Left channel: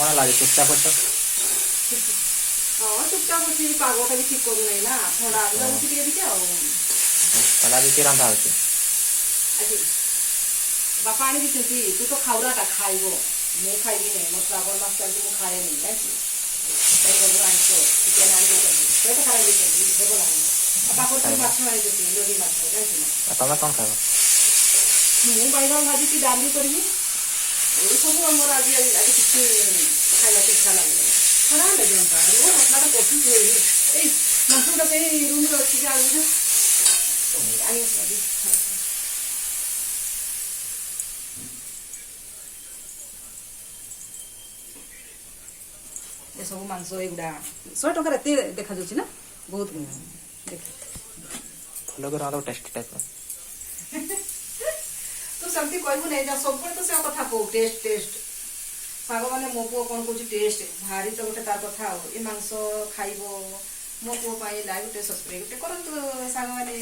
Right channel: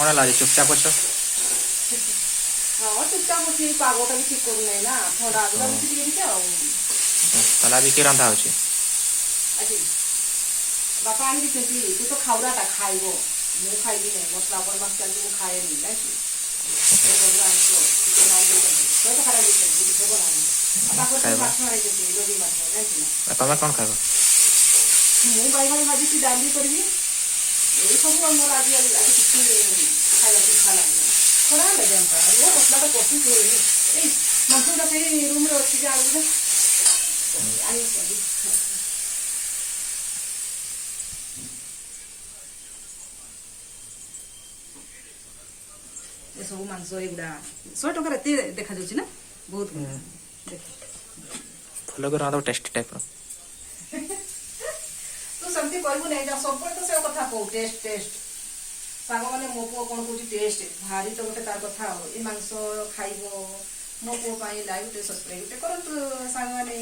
कौन लगे चुपचाप अछ हाँ चुपचाप अच्छी पागटा भी ठीक करू ना थोड़ा भी लगुच टे ताला आज कि रंधा होची आज बापा आनी दी तू तो खाऊराटा खाइब मु खाइबी नहीं मोर श्रावण मास चलती मुझे खाए नहीं ना कि चिकेन आनी तो खराब देव ना पाखर माछ आई लोडी माछ ना तुम कौन खाइब मु बैगन भाजी डाली करी ये सब मोर आज आज किसी खाଇବା इच्छा लगे खराब लगे वो मसलाटा कफी मसरूटा से रूम रे अच्छी आलू आनी ये सब मांस एगुड़ा 100 टका एत देखा जाऊँ ना बहुत भल कर टेस्टी टाइप तू सेमती कहबू नहीं सब तो से कथा कहू टेस्ट टेस्ट साग मैंने मो पुओ कौन कौन टेस्ट भारी तो गोटे तार कथा ये मांस खाइब मो पुओ लाइव गोटे सब्सक्राइब गोटे करतु साग मैंने